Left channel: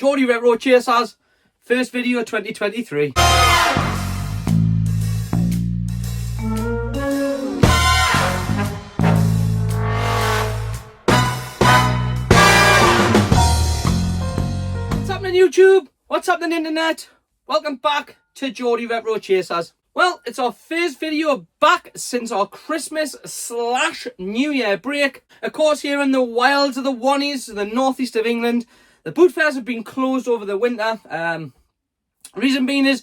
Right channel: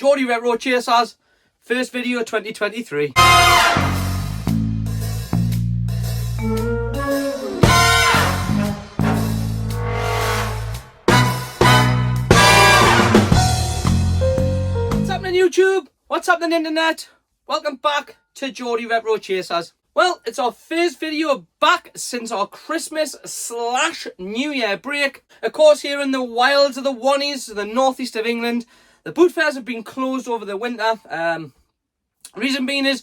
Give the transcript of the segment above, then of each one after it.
Geordie Retro Chasers, first video of 2023. What's happening YouTube? What's happening internet? Welcome back to Geordie Retro Chasers. Well, it's our first video back since our Christmas/New Year break. Of course, here in the wilds of the 80s, the northeast of England, the boot fairs have been closed over the winter. Reason being is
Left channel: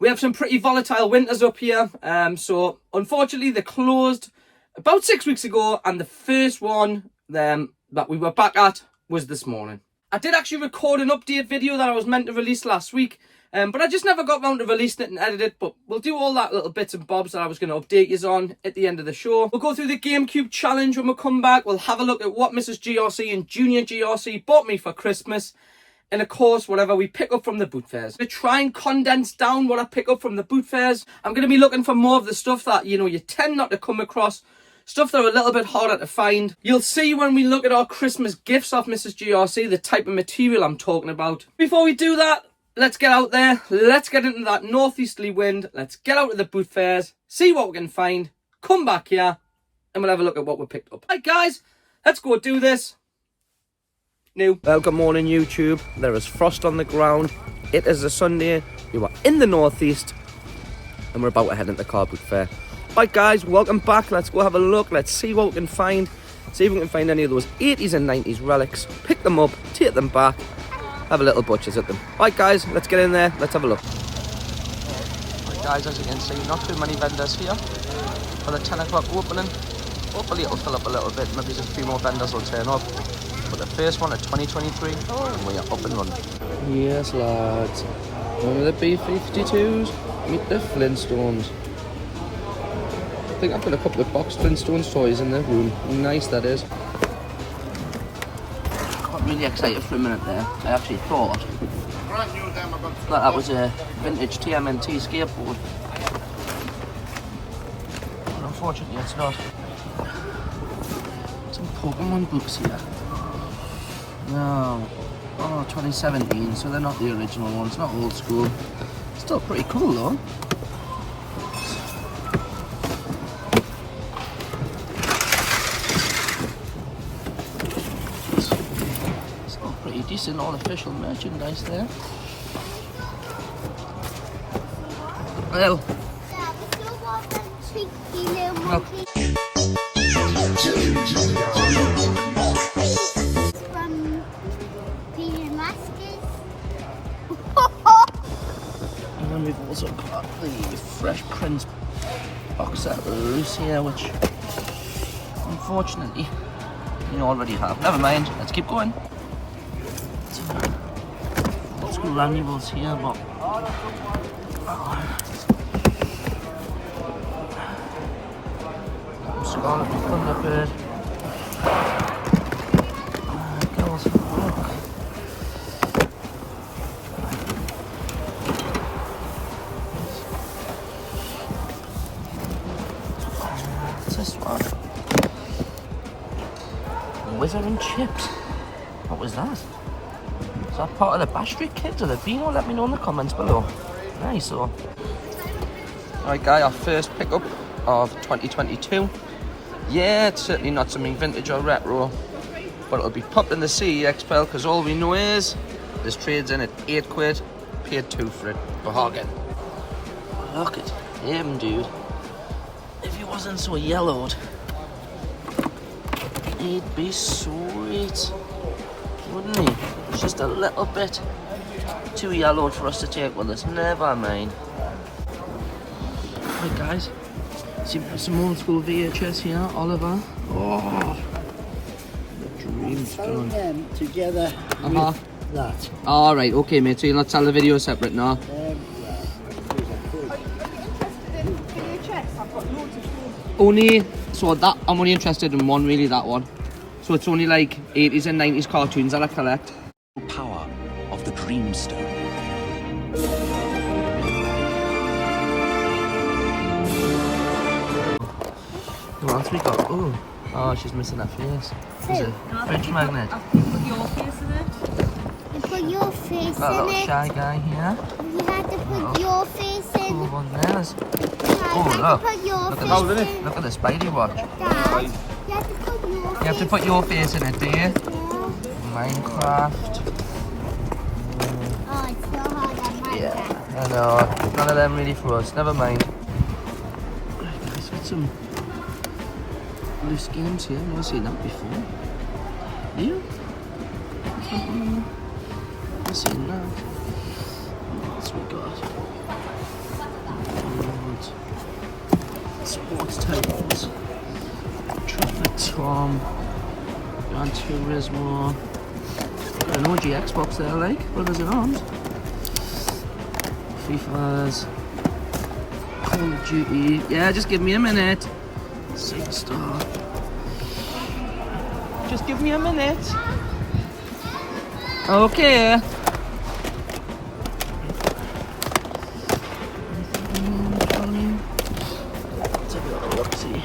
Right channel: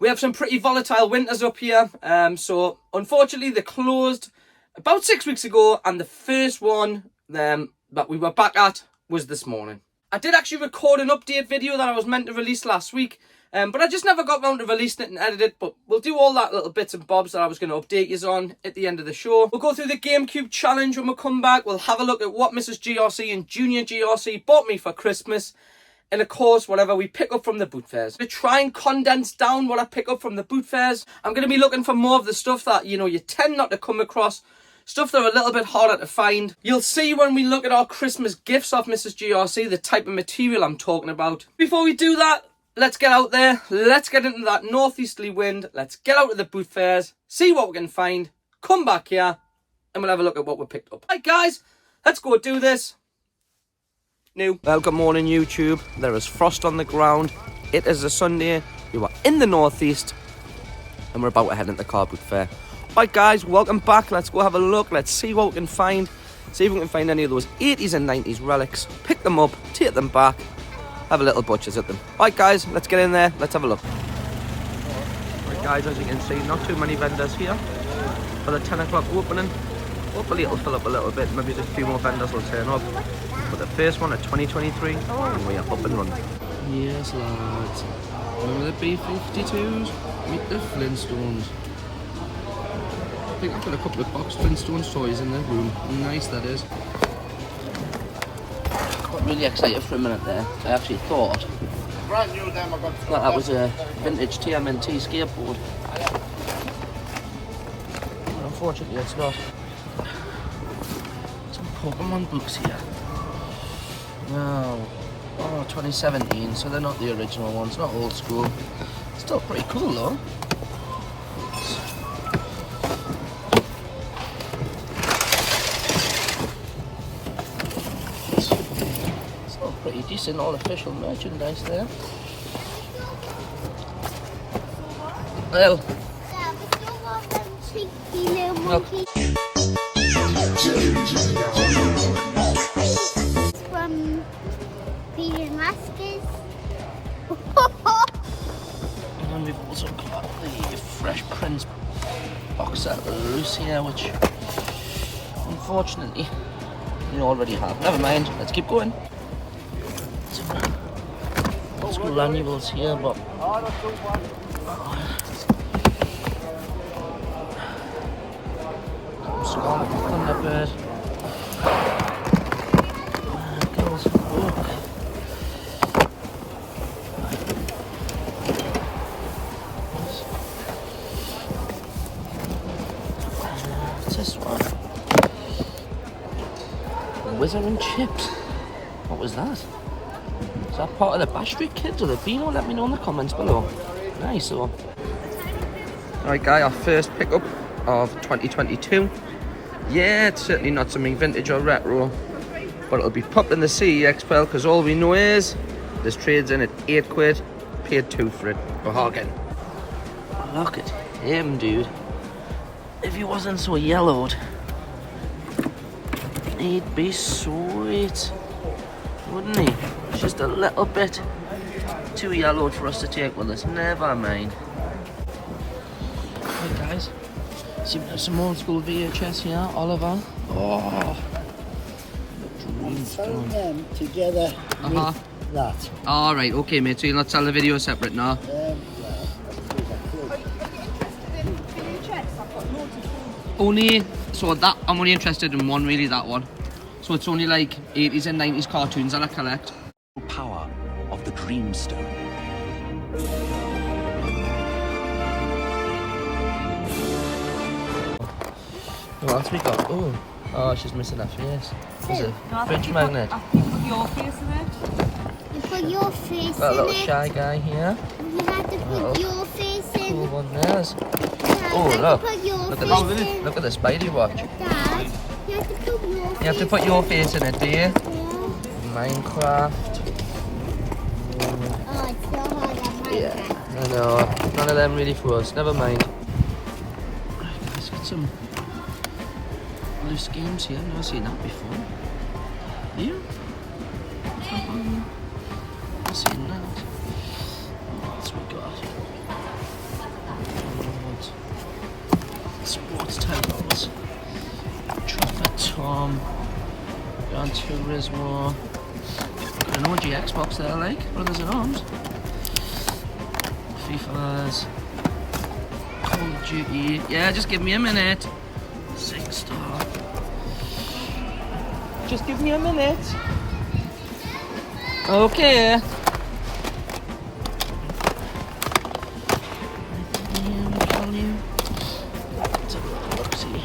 we have some pretty volatile winters up here. So unfortunately, they closed about 6 weeks ago, and the first one that we were back at was this morning. I did actually record an update video that I was meant to release last week. But I just never got round to releasing it and edit it. But we'll do all that little bits and bobs that I was going to update you on at the end of the show. We'll go through the GameCube challenge when we come back. We'll have a look at what Mrs. GRC and Junior GRC bought me for Christmas. And of course, whatever we pick up from the boot fairs. I'm going to try and condense down what I pick up from the boot fairs. I'm going to be looking for more of the stuff that, you tend not to come across. Stuff that are a little bit harder to find. You'll see when we look at our Christmas gifts off Mrs. GRC, the type of material I'm talking about. Before we do that, let's get out there, let's get into that northeasterly wind, let's get out to the boot fairs, see what we can find, come back here, and we'll have a look at what we picked up. Right guys, let's go do this. Well, good morning YouTube. There is frost on the ground. It is a Sunday. We are in the northeast, and we're about to head into the car boot fair. Right guys, welcome back. Let's go have a look. Let's see what we can find. See if we can find any of those 80s and 90s relics. Pick them up, take them back. Have a little butchers at them. Right guys, let's get in there, let's have a look. Right guys, as you can see, not too many vendors here for the 10 o'clock opening. Hopefully it'll fill up a little bit, maybe just a few more vendors will turn up. But the first one at 2023, and we are up and running. Yes lads, remember the B-52s? Meet the Flintstones. I think I've got a couple of boxed Flintstones toys in the room. Nice that is. Really excited for a minute there. I actually thought that was a vintage TMNT skateboard. Unfortunately it's not. Some Pokemon books here. No. Oh, 2017, so they're not the original ones, not old school. Still pretty cool though. Decent all official merchandise there. Well, from Peter Maskers. And then we've also got the Fresh Prince box set loose here, which unfortunately we already have. Never mind, let's keep going. School annuals here, but Thunderbird. What's this one? Wizard and Chips. What was that? Is that part of the Bash Street Kids or the Dino? Let me know in the comments below. Nice, so. Alright guys, our first pickup of 2022. Yeah, it's certainly not something vintage or retro, but it'll be popped in the CEX pile because all we know is this trades in at 8 quid, paid 2 for it. Bargain. Look at him, dude. If he wasn't so yellowed, he'd be sweet, wouldn't he? It's just a little bit too yellowed for us to take with us. Never mind. Hey guys, some old school VHS here. Oliver. Oh, Phone them together with that. All right, okay, mate. So you'll not tell the video separate now. Only so that I'm only interested in one, really. That one. So it's only like 80s and 90s cartoons that I collect. Power of the Dreamstone. What else we got? Oh, she's missing her face. Is it fridge magnet? I put your face in it. put your face Got a in little it. shy guy here. You had to put your face Cool in. one there's. Dad, Oh, you had look. to put your Look at face that. in. Look at the Spidey watch. Dad, you have to put your face You have to put your face in it, do you? Yeah. Minecraft. Oh, it's so hard on Minecraft. I know. None of them really for us. Never mind. Let's get some loose games here. I've never seen that before. You? I've seen that. What else we got? Sports titles. Trapper Tom. Gran Turismo. Got an OG Xbox there, like. Brothers at Arms. FIFA's. Call of Duty. Yeah, just give me a minute. 6-star. Just give me a minute. Okay. Let's have a little look-see.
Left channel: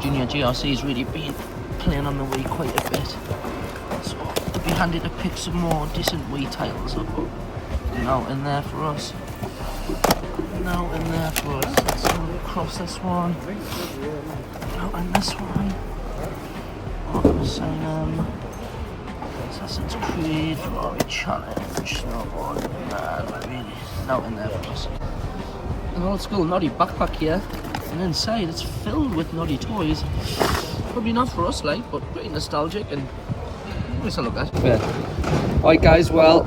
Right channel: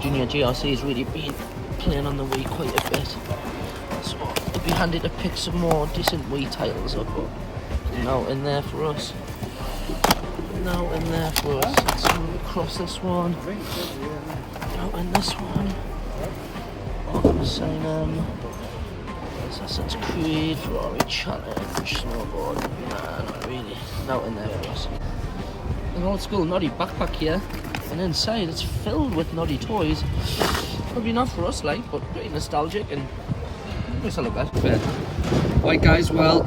Junior GRC's really been playing on the Wii quite a bit. So it'd be handy to pick some more decent Wii titles up. Now in there for us. Now in there for us. Let's go across this one. Out in this one. Assassin's Creed, Ferrari Challenge, Snowboard. Nah, not really. Out in there for us. An old school Noddy backpack here. And inside it's filled with Noddy toys. Probably not for us, like, but pretty nostalgic and nice to look at. Fair. Alright guys, well,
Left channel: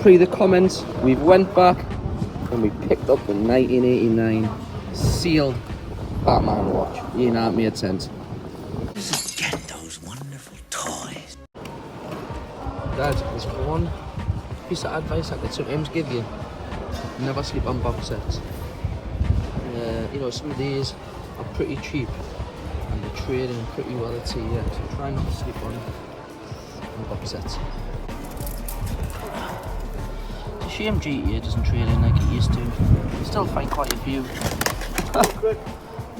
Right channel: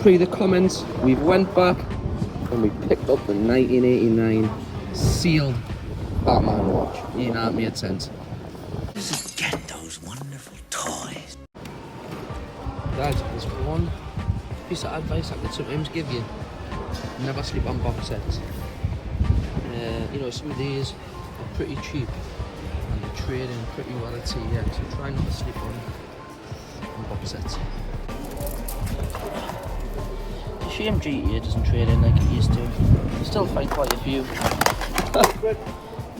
pre the comments, we went back and we picked up the 1989 sealed Batman watch. You know, it made sense. Get those wonderful toys. Dad, there's one piece of advice I could sometimes give you. Never sleep on box sets. You know, some of these are pretty cheap and they're trading pretty well at TX, so try not to sleep on box sets. It's a shame GTA doesn't trade in like it used to. I still find quite a few.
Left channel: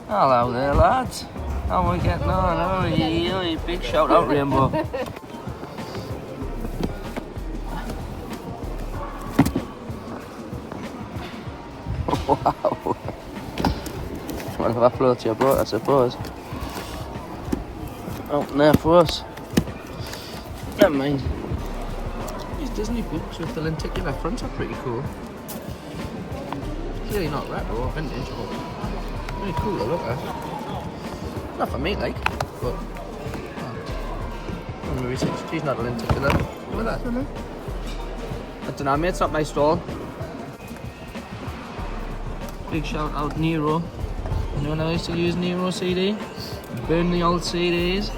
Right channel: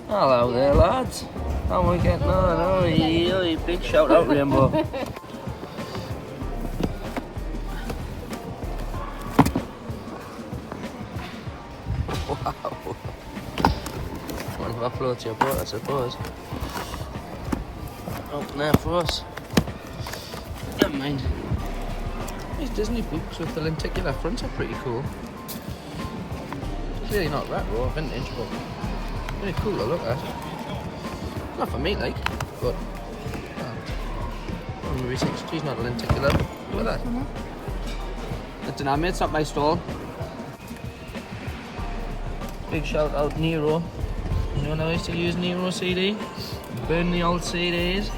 Hello there, lads. How are we getting on? Oh, yeah, big shout out, Rainbow. Wow. Well, that floats your boat, I suppose. Open there for us. Never mind. These Disney books with the lenticular fronts are pretty cool. Clearly not retro or vintage, but really cool to look at. Not for me, like, but I'm maybe 6. She's not a lenticular. Look at that. I don't know, mate, it's not my stall. Big shout out Nero. You know when I used to use Nero CD? Burn the old CDs,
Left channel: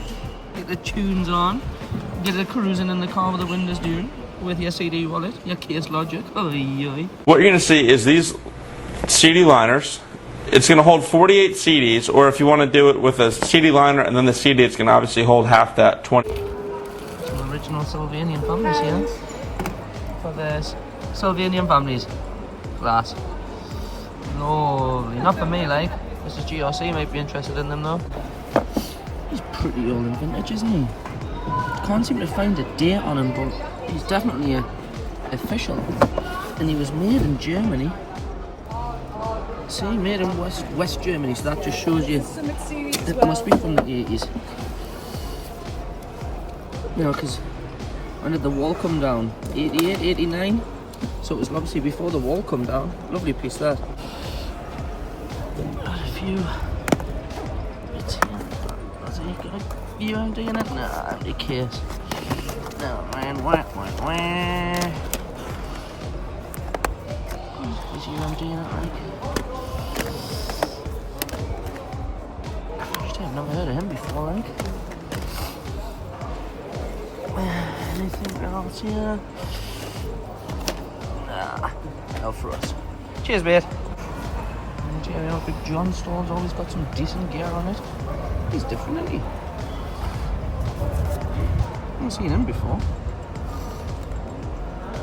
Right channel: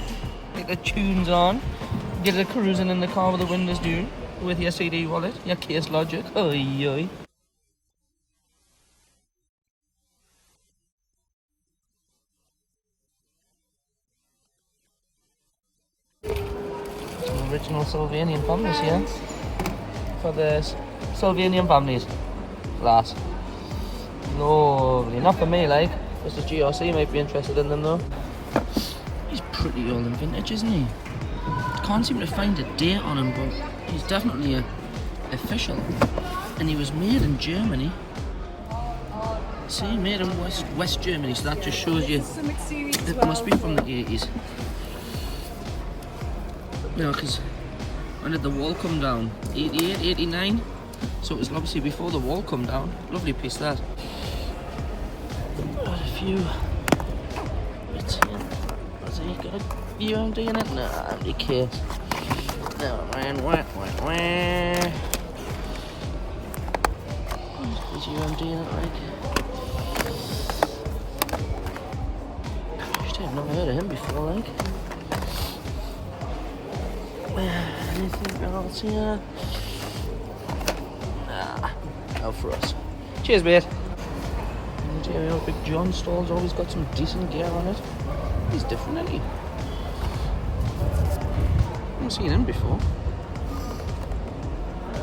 get the tunes on, get it cruising in the car with the windows down, with your CD wallet, your case logic. Oy, oy. What you're going to see is these CD liners. It's going to hold 48 CDs, or if you want to do it with a CD liner and then the CD, it's going to obviously hold half that, 20. Some original Sylvanian families here. For the Sylvanian families. Class. Lovely. Not for me, like. This is GRC, might be interested in them though. He's pretty old and vintage, isn't he? Can't seem to find a date on him, but he's definitely official. And he was made in Germany. See, made in West Germany, so that just shows you it must be from the 80s. You know, because when did the wall come down? 88, 89? So it was obviously before the wall come down. Lovely piece that. A few... Is he got a UMD in it? Nah, who cares? Oh man, wah. Is UMD in it, like? I've never heard of him before, like. Anything else here? No for us. Cheers, mate. How Big John stalls always got some decent gear on it. He's different, isn't he? Haven't seen him before.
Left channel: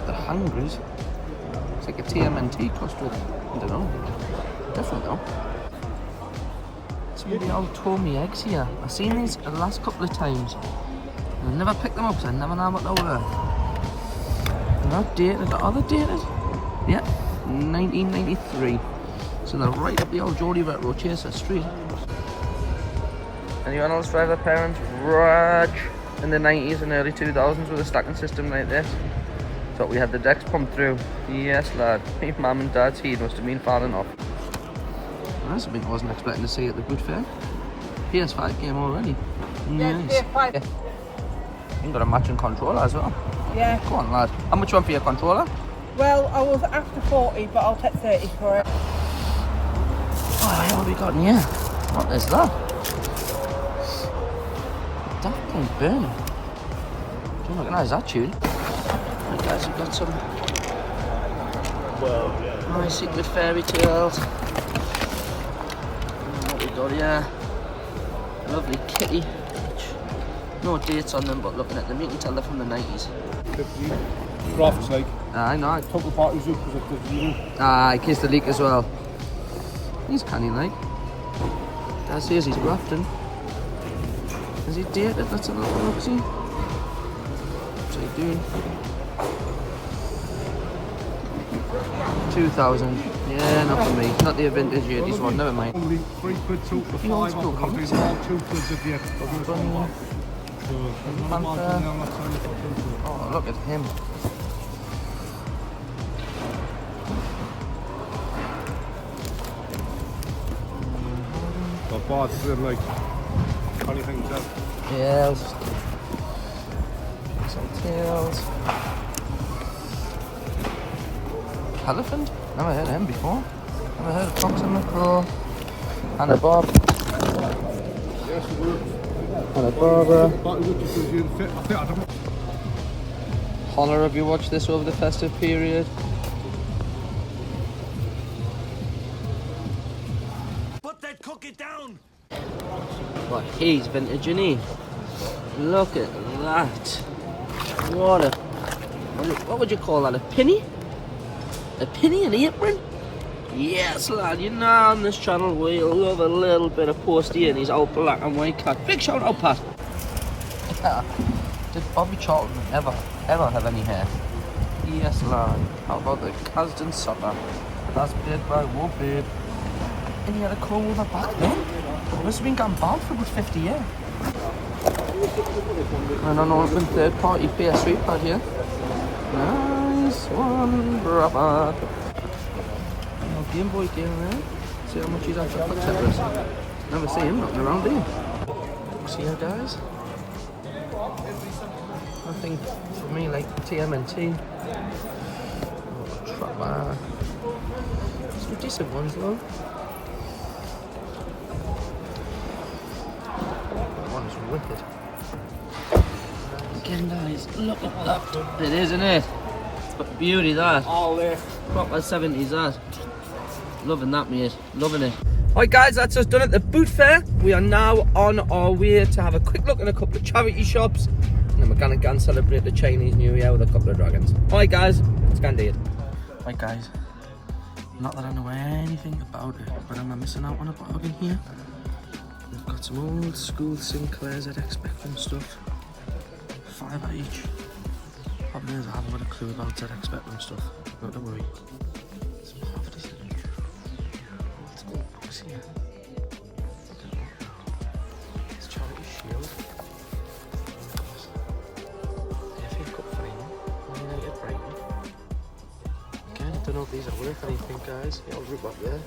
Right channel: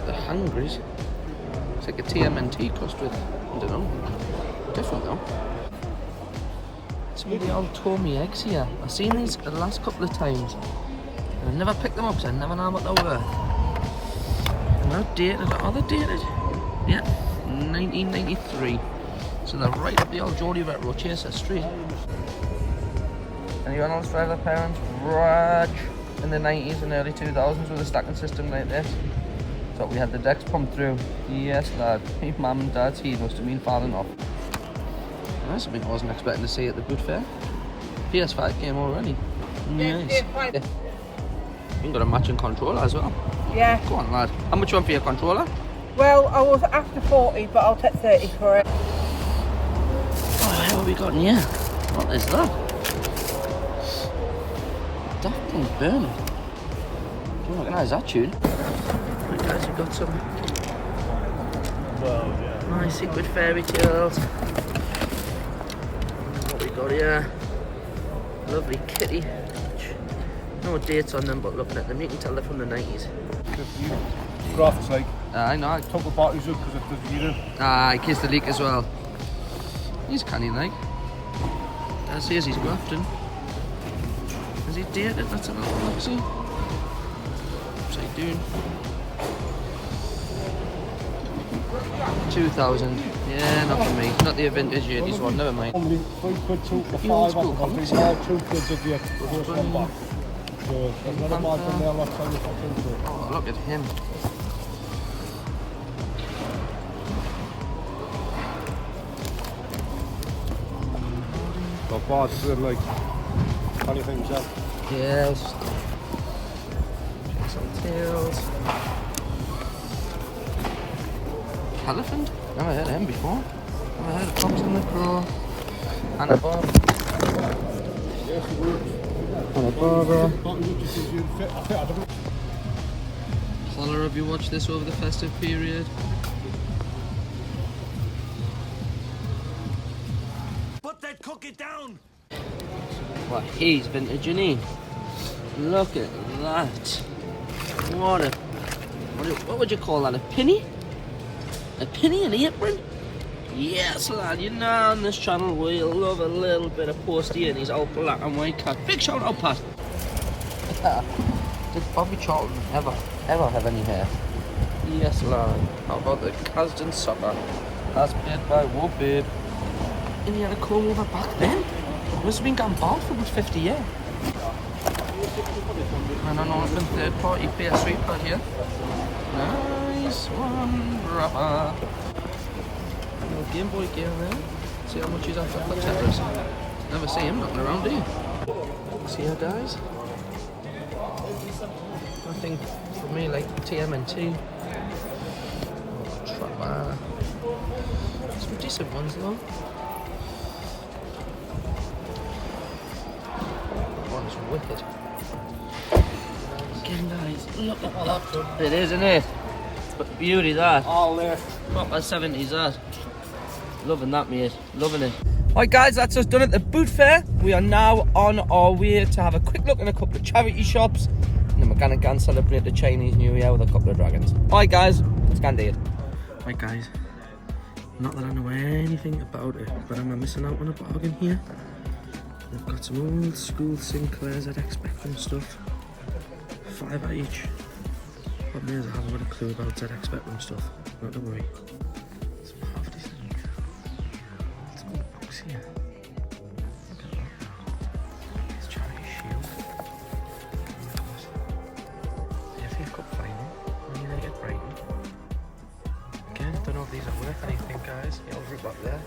The Hungries. It's like a TMNT cost with, I don't know. Different though. Some of the old Tommy eggs here. I've seen these the last couple of times. I never picked them up because I never know what they were. And they're dated. Are they dated? Yeah, 1993. So they're right up the old Geordie Retro Chaser Street. Anyone else drive their parents' Raj in the 90s and early 2000s with a stacking system like this? Thought we had the decks pumped through. Yes, lad. My mum and dad's heat must have been falling off. That's something I wasn't expecting to see at the boot fair. PS5 game already. Nice. PS5. Yeah. You've got a matching controller as well. Yeah. Go on, lad. How much one for your controller? Well, I was after 40, but I'll take 30 for it. Oh, what have we got in here? What is that? Daft and Burn. Don't recognise that tune. Guys, we've got some nice secret fairy tales. What we got here? Lovely kitty. No dates on them, but looking at them, you can tell they're from the 90s. Crafts like I know. couple parties up because it does you. I kissed the leak as well. He's canny like. Dad says he's grafting. Is he dated? Let's have a little look see. What's he doing? 2000. Yeah, not for me. Not the vintage 80s one, never mind. Only 3 quid, 2 for 5 off, but I'll drink all 2 quids of the worst one back. So there's a lot of margin there, last time you fucking quid. Oh, look at him. So bars is like 20 things up. Yes. Some tails. Elephant? Never heard of him before. Never heard of Fox in the Pro. And a Bob. Yes, it works. And a Barbara. Parties up because you're fit. I don't know. Holler, have you watched this over the festive period? Put that cookie down! Well, he's vintage, isn't he? Look at that. What would you call that? A penny? A penny and apron? Yes, lad. You know on this channel we love a little bit of posty in his old black and white cat. Big shout out, Pat. Did Bobby Charlton ever have any hair? Yes, lad. How about the Casden soccer? As played by Woodbird. And he had a comb over back then. Must have been gone bald for about 50 years. And an open third party PS3 pad here. Nice one, brother. Little Game Boy game there. See how much he's after for Tetris. Never see him knocking around, do you? See how guys? Nothing for me like TMNT. Trapper. Some decent ones though. One is wicked. Again guys, look at that. It is, isn't it? But beauty that. All there. Proper 70s that. Loving that, mate. Loving it. Alright guys, that's us done at the boot fair. We are now on our way to have a quick look in a couple of charity shops. And then we're gonna go and celebrate the Chinese New Year with a couple of dragons. Alright guys, let's go and do it. Right guys, not that I know anything about it, but am I missing out on a bargain here? They've got some old school Sinclairs ZX Spectrum stuff. £5 each. Problem is I haven't got a clue about ZX Spectrum stuff. Not to worry. It's half decent. Let's go box here. Look at that now. It's Charity Shield. The FA Cup final. Man United Brighton. Again, I don't know if these are worth anything, guys. The old Rupert there.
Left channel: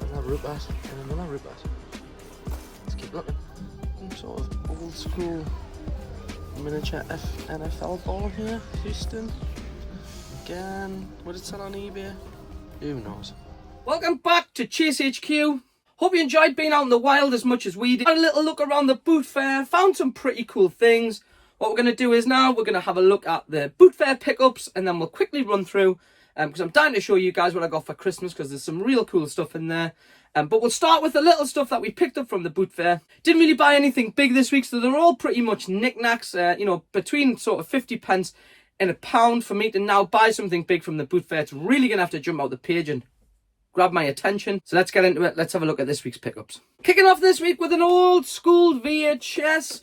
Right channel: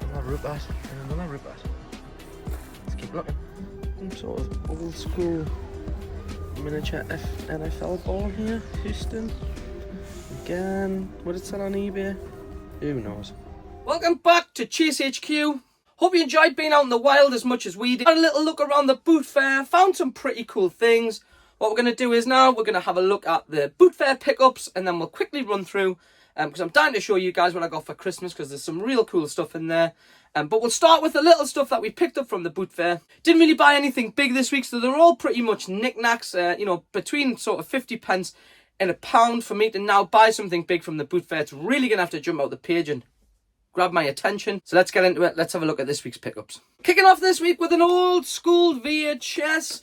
Another Rupert and another Rupert. Let's keep looking. Some sort of old school miniature NFL ball here. Houston. Again, would it sell on eBay? Who knows? Welcome back to Chase HQ. Hope you enjoyed being out in the wild as much as we did. Had a little look around the boot fair. Found some pretty cool things. What we're going to do is now we're going to have a look at the boot fair pickups and then we'll quickly run through because I'm dying to show you guys what I got for Christmas because there's some real cool stuff in there. But we'll start with the little stuff that we picked up from the boot fair. Didn't really buy anything big this week, so they're all pretty much knickknacks, you know, between sort of 50p and £1 for me to now buy something big from the boot fair. It's really going to have to jump out the page and grabbed my attention. So let's get into it. Let's have a look at this week's pickups. Kicking off this week with an old school VHS.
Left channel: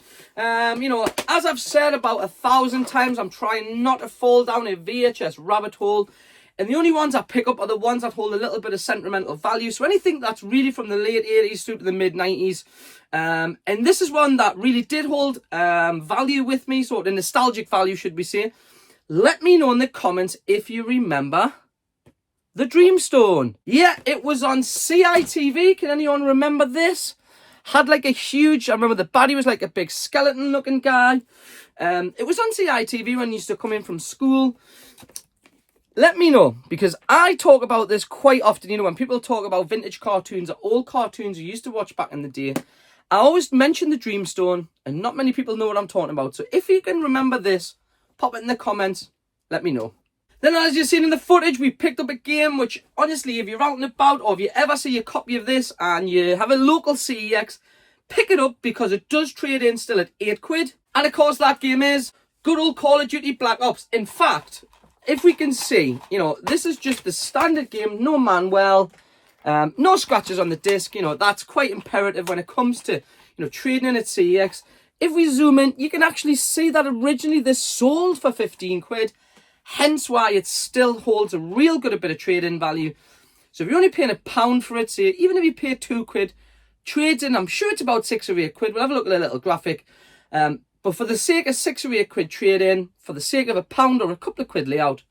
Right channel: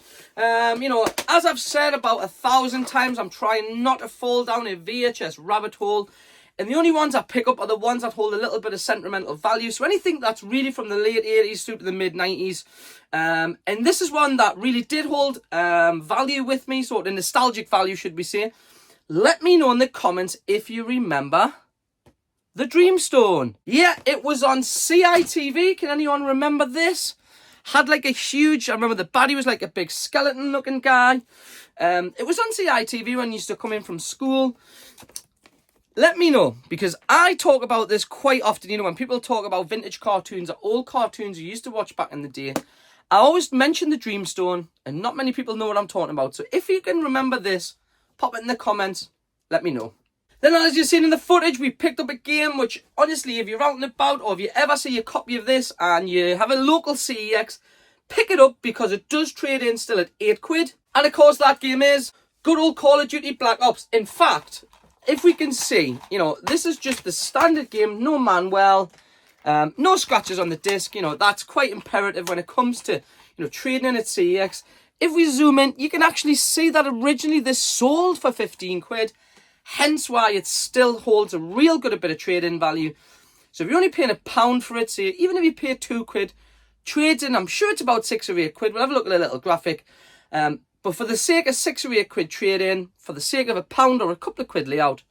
You know, as I've said about 1,000 times, I'm trying not to fall down a VHS rabbit hole. And the only ones I pick up are the ones that hold a little bit of sentimental value. So anything that's really from the late 80s through to the mid 90s. And this is one that really did hold value with me. So the nostalgic value, should we say. Let me know in the comments if you remember the Dreamstone. Yeah, it was on CITV. Can anyone remember this? Had like a huge, I remember the baddie was like a big skeleton looking guy. It was on CITV when I used to come in from school. Let me know, because I talk about this quite often. You know, when people talk about vintage cartoons or old cartoons you used to watch back in the day, I always mention the Dreamstone, and not many people know what I'm talking about. So if you can remember this, pop it in the comments, let me know. Then, as you've seen in the footage, we picked up a game which, honestly, if you're out and about, or if you ever see a copy of this and you have a local CEX, pick it up, because it does trade in still at £8. And of course, that game is good old Call of Duty Black Ops. In fact, if we can see, you know, this is just the standard game, no manual, no scratches on the disc. You know, that's quite imperative when it comes to, you know, trading in at CEX. If we zoom in, you can actually see that originally this sold for £15, hence why it still holds a real good bit of trade-in value. So if you're only paying £1 for it, say, even if you pay £2, trades in, I'm sure it's about £6 or £8. We'll have a look at a little graphic. But for the sake of £6 or £8 trade in, for the sake of £1 or a couple of quid layout,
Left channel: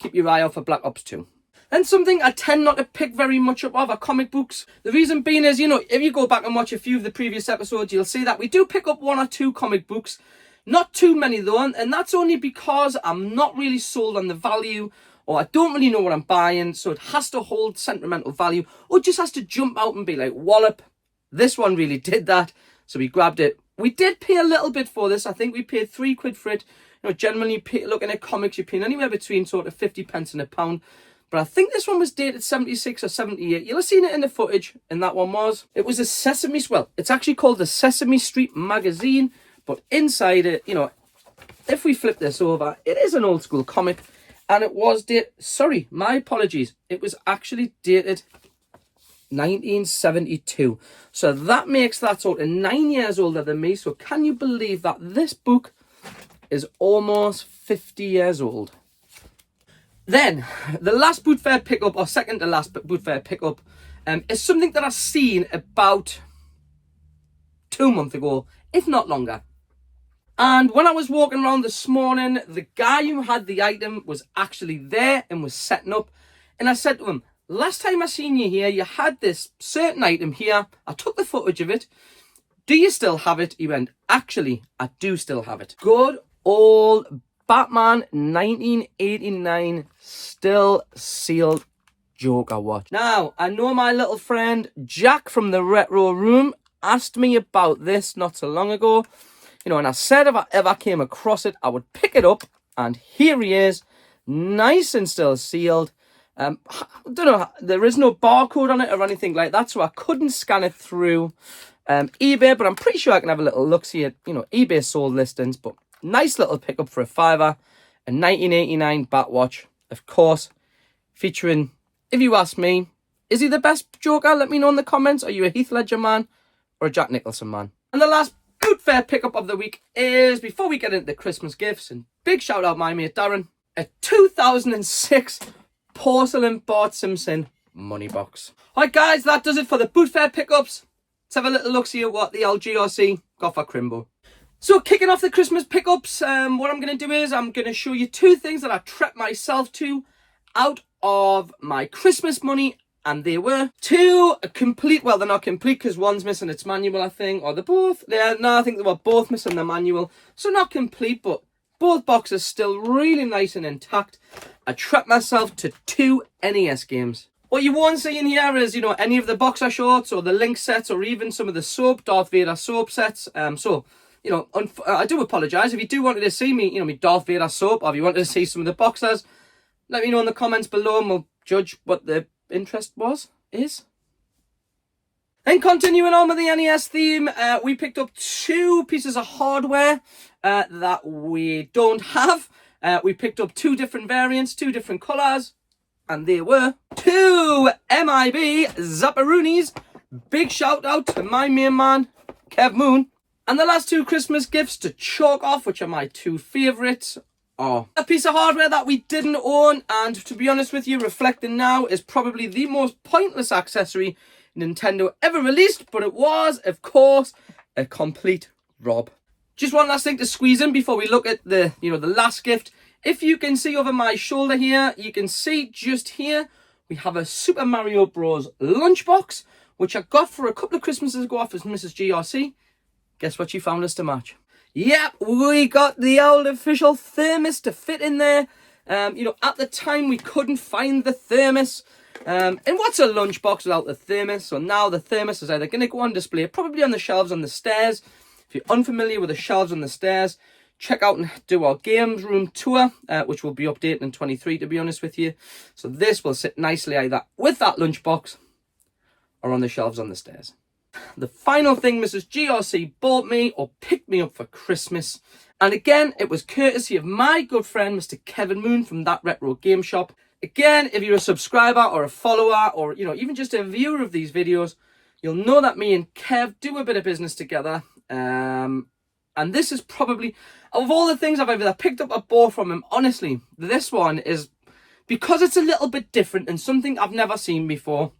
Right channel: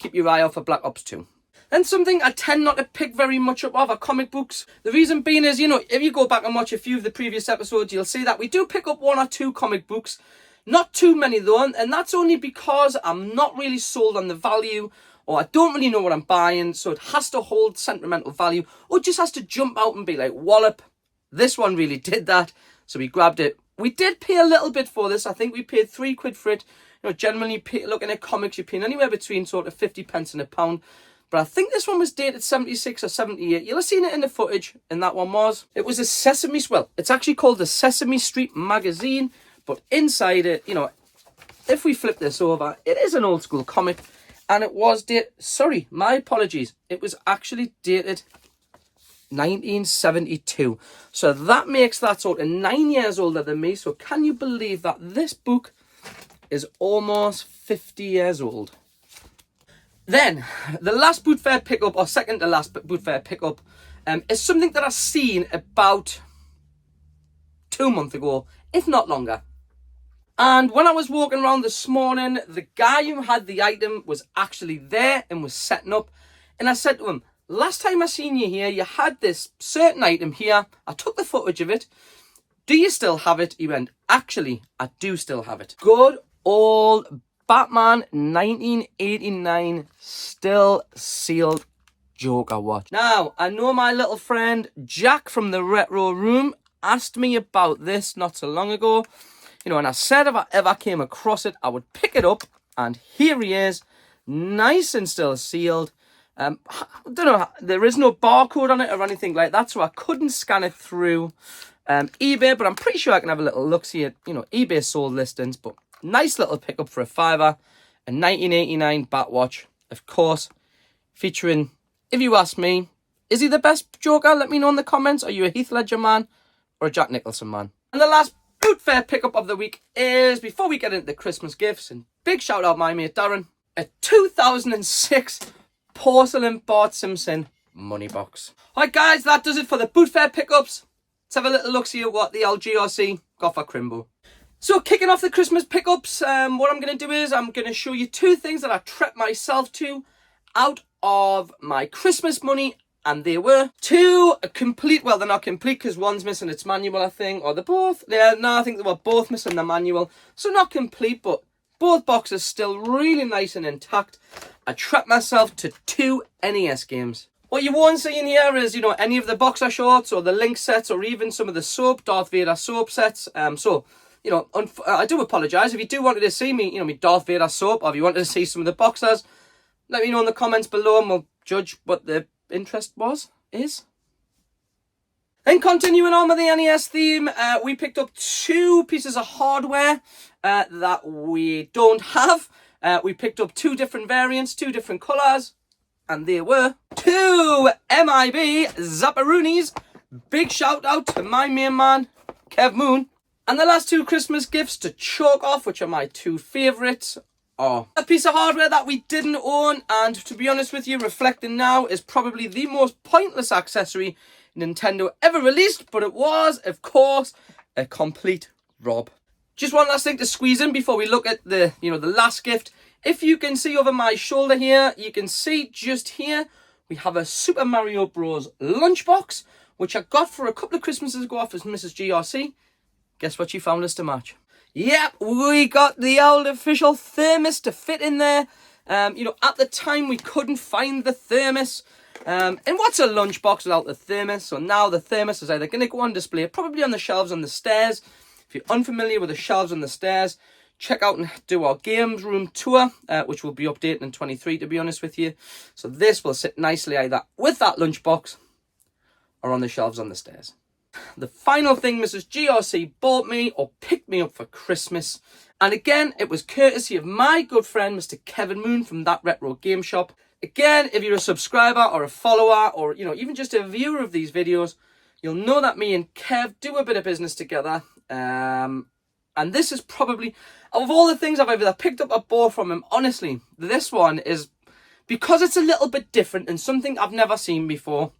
keep your eye out for Black Ops 2. And something I tend not to pick very much up of are comic books. The reason being is, you know, if you go back and watch a few of the previous episodes, you'll see that we do pick up 1 or 2 comic books. Not too many though, and that's only because I'm not really sold on the value, or I don't really know what I'm buying, so it has to hold sentimental value, or it just has to jump out and be like, wallop. This one really did that, so we grabbed it. We did pay a little bit for this. I think we paid £3 for it. You know, generally looking at comics, you're paying anywhere between sort of 50 pence and £1. But I think this one was dated 76 or 78. You'll have seen it in the footage, and that one was. It was a Sesame, well, it's actually called the Sesame Street Magazine. But inside it, you know, if we flip this over, it is an old school comic. And it was dated, sorry, my apologies. It was actually dated 1972. So that makes that sort of 9 years older than me. So can you believe that this book is almost 50 years old? Then, the last boot fair pickup, or second to last boot fair pickup, is something that I've seen about 2 months ago, if not longer. And when I was walking around this morning, the guy who had the item was actually there and was setting up. And I said to him, last time I seen you here, you had this certain item here. I took the footage of it. Do you still have it? He went, actually, I do still have it. Good old Batman 1989 still sealed Joker watch. Now, I know my little friend Jack from the Retro Room asked me about this not so long ago. You know, and I said if I ever came across it, I would pick it up. And here he is, nice and still sealed. I don't know, there is no barcode on it or anything like that, so I couldn't scan it through eBay, but I'm pretty sure I can have a little look-see at, you know, eBay sold listings. But nice little pickup for £5, a 1989 Batwatch, of course, featuring, if you ask me, is he the best Joker? Let me know in the comments. Are you a Heath Ledger man or a Jack Nicholson man? And the last boot fair pickup of the week is, before we get into the Christmas gifts, and big shout out my mate Darren, a 2006 porcelain Bart Simpson money box. Alright guys, that does it for the boot fair pickups. Let's have a little look see at what the LGRC got for Crimbo. So kicking off the Christmas pickups, what I'm going to do is I'm going to show you 2 things that I treated myself to out of my Christmas money. And they were 2 complete, well, they're not complete because one's missing its manual, I think, or they're both. No, I think they were both missing the manual. So not complete, but both boxes still really nice and intact. I treated myself to 2 NES games. What you won't see in here is, you know, any of the boxer shorts or the Link sets or even some of the soap, Darth Vader soap sets. So, you know, I do apologise. If you do want to see me, you know, me Darth Vader soap, or if you want to see some of the boxers, let me know in the comments below and we'll judge what the interest is. Then continuing on with the NES theme, we picked up 2 pieces of hardware that we don't have. We picked up 2 different variants, 2 different colours. And they were 2 MIB Zapparoonies. Big shout out to my main man, Kev Moon. And the last 2 Christmas gifts to chalk off, which are my 2 favourites, are a piece of hardware that we didn't own, and to be honest with you, reflecting now, is probably the most pointless accessory Nintendo ever released, but it was, of course, a complete rob. Just one last thing to squeeze in before we look at the last gift. If you can see over my shoulder here, you can see just here, we have a Super Mario Bros. Lunchbox, which I got for a couple of Christmases ago off as Mrs. GRC. Guess what she found us to match? Yep, we got the old official thermos to fit in there. At the time we couldn't find the thermos. And what's a lunchbox without the thermos? So now the thermos is either going to go on display, probably on the shelves on the stairs. If you're unfamiliar with the shelves on the stairs, check out and do our games room tour, which will be updating in 23, to be honest with you. So this will sit nicely either with that lunchbox or on the shelves on the stairs. The final thing Mrs. GRC bought me or picked me up for Christmas. And again, it was courtesy of my good friend, Mr. Kevin Moon from That Retro Game Shop. Again, if you're a subscriber or a follower or, even just a viewer of these videos, you'll know that me and Kev do a bit of business together. And this is probably, of all the things I've either picked up or bought from him, honestly, this one is, because it's a little bit different and something I've never seen before,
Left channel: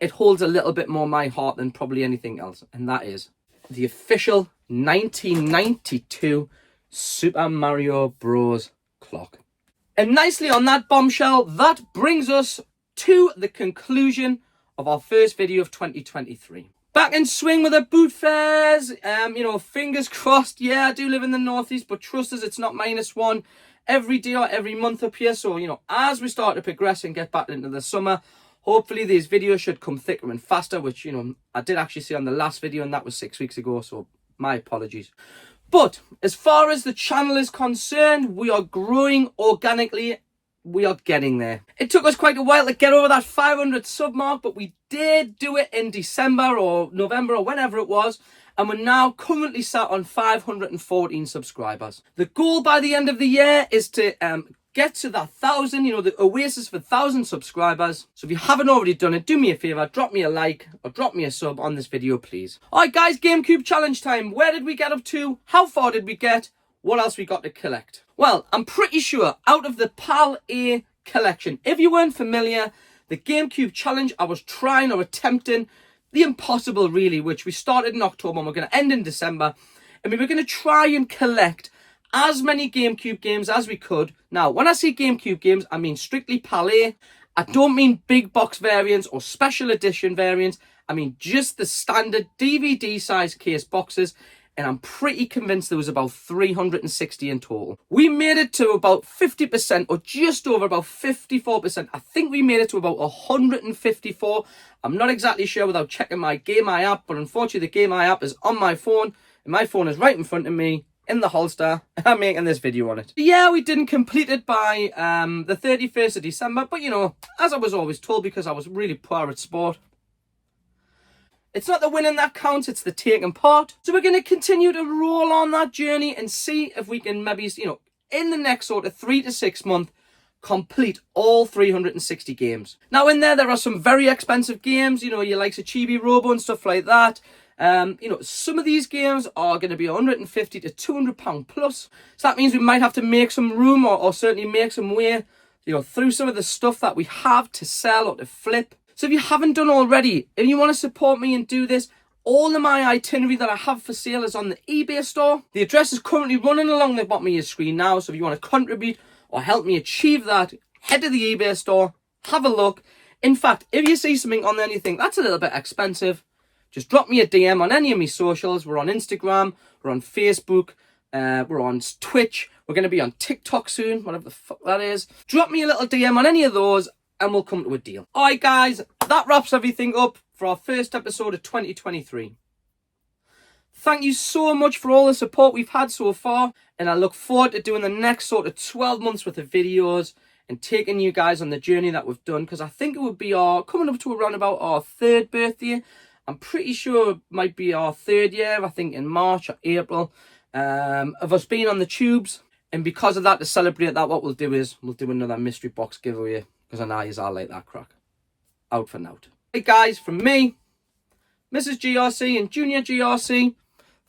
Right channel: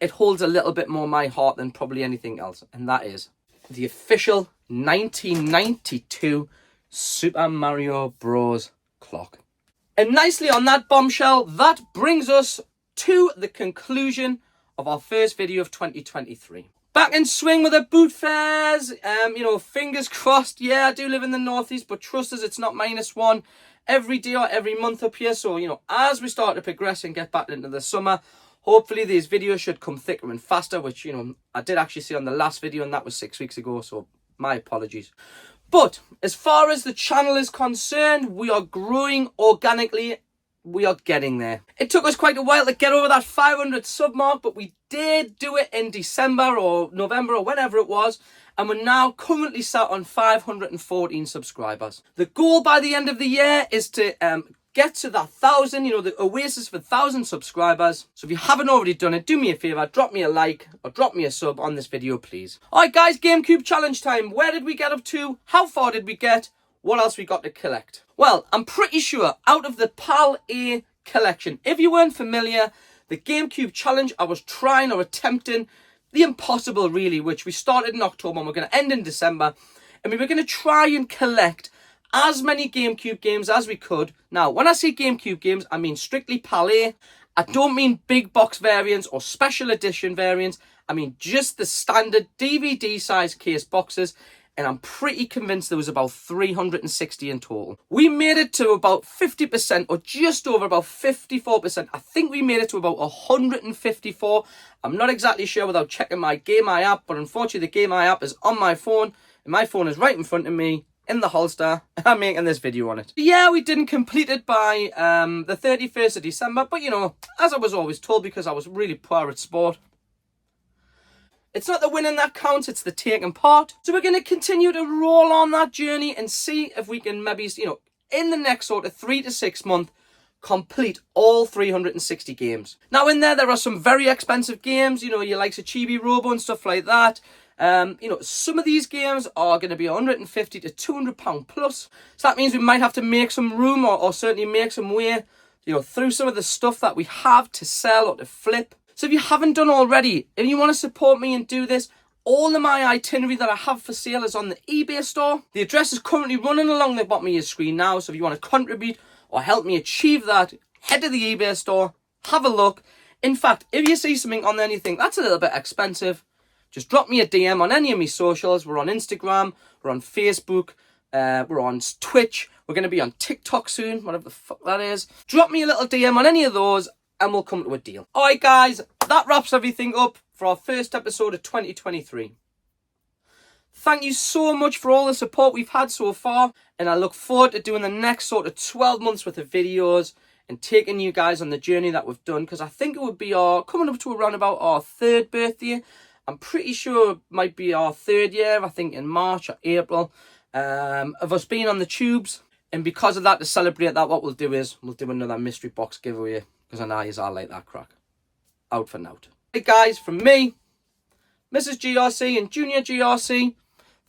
it holds a little bit more my heart than probably anything else. And that is the official 1992 Super Mario Bros. Clock. And nicely on that bombshell, that brings us to the conclusion of our first video of 2023. Back in swing with the boot fairs, fingers crossed. Yeah, I do live in the northeast, but trust us, it's not -1 every day or every month up here. So, as we start to progress and get back into the summer, hopefully these videos should come thicker and faster, which, I did actually see on the last video, and that was 6 weeks ago, so my apologies. But as far as the channel is concerned, we are growing organically. We are getting there. It took us quite a while to get over that 500 sub mark, but we did do it in December or November or whenever it was, and we're now currently sat on 514 subscribers. The goal by the end of the year is to get to that 1,000, the oasis for 1,000 subscribers. So if you haven't already done it, do me a favour, drop me a like or drop me a sub on this video, please. Alright guys, GameCube challenge time. Where did we get up to? How far did we get? What else we got to collect? Well, I'm pretty sure out of the PAL A collection, if you weren't familiar, the GameCube challenge, I was trying or attempting the impossible really, which we started in October and we're going to end in December. And we were going to try and collect as many GameCube games as we could. Now, when I say GameCube games, I mean strictly PAL A. I don't mean big box variants or special edition variants. I mean just the standard DVD size case boxes. And I'm pretty convinced there was about 360 in total. We made it to about 50% or just over about 54%. I think we made it to about 154. I'm not exactly sure without checking my Game Eye app, but unfortunately the Game Eye app is on my phone and my phone is right in front of me in the holster. I'm making this video on it. Yeah, we didn't complete it by the 31st of December, but as I was always told, because I was really poor at sport, it's not the winning that counts, it's the taking part. So we're going to continue to roll on that journey and see if we can maybe, in the next sort of 3 to 6 months, complete all 360 games. Now in there are some very expensive games, your likes of Chibi Robo and stuff like that. Some of these games are going to be £150 to £200 plus. So that means we might have to make some room or certainly make some way, through some of the stuff that we have to sell or to flip. So if you haven't done already, if you want to support me and do this, all of my itinerary that I have for sale is on the eBay store. The address is currently running along the bottom of your screen now. So if you want to contribute or help me achieve that, head to the eBay store, have a look. In fact, if you see something on there and you think that's a little bit expensive, just drop me a DM on any of my socials. We're on Instagram, we're on Facebook, we're on Twitch. We're going to be on TikTok soon, whatever the fuck that is. Drop me a little DM on any of those and we'll come to a deal. Alright guys, that wraps everything up for our first episode of 2023. Thank you so much for all the support we've had so far, and I look forward to doing the next sort of 12 months worth of videos and taking you guys on the journey that we've done, because I think it would be coming up to around about our 3rd birthday. I'm pretty sure it might be our 3rd year, I think in March or April, of us being on the tubes. And because of that, to celebrate that, what we'll do is we'll do another mystery box giveaway because I know you all like that crack. Out for now. Hey guys, from me, Mrs. GRC and Junior GRC,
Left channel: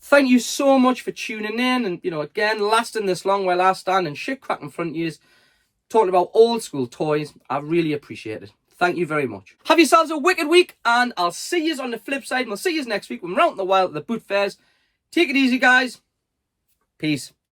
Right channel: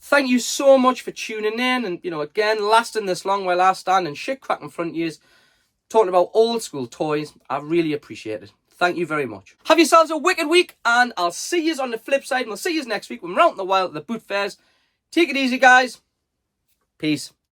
thank you so much for tuning in and, you know, again, lasting this long while I stand and shit crack in front of you, talking about old school toys. I really appreciate it. Thank you very much. Have yourselves a wicked week, and I'll see you on the flip side, and we'll see you next week when we're out in the wild at the boot fairs. Take it easy, guys. Peace.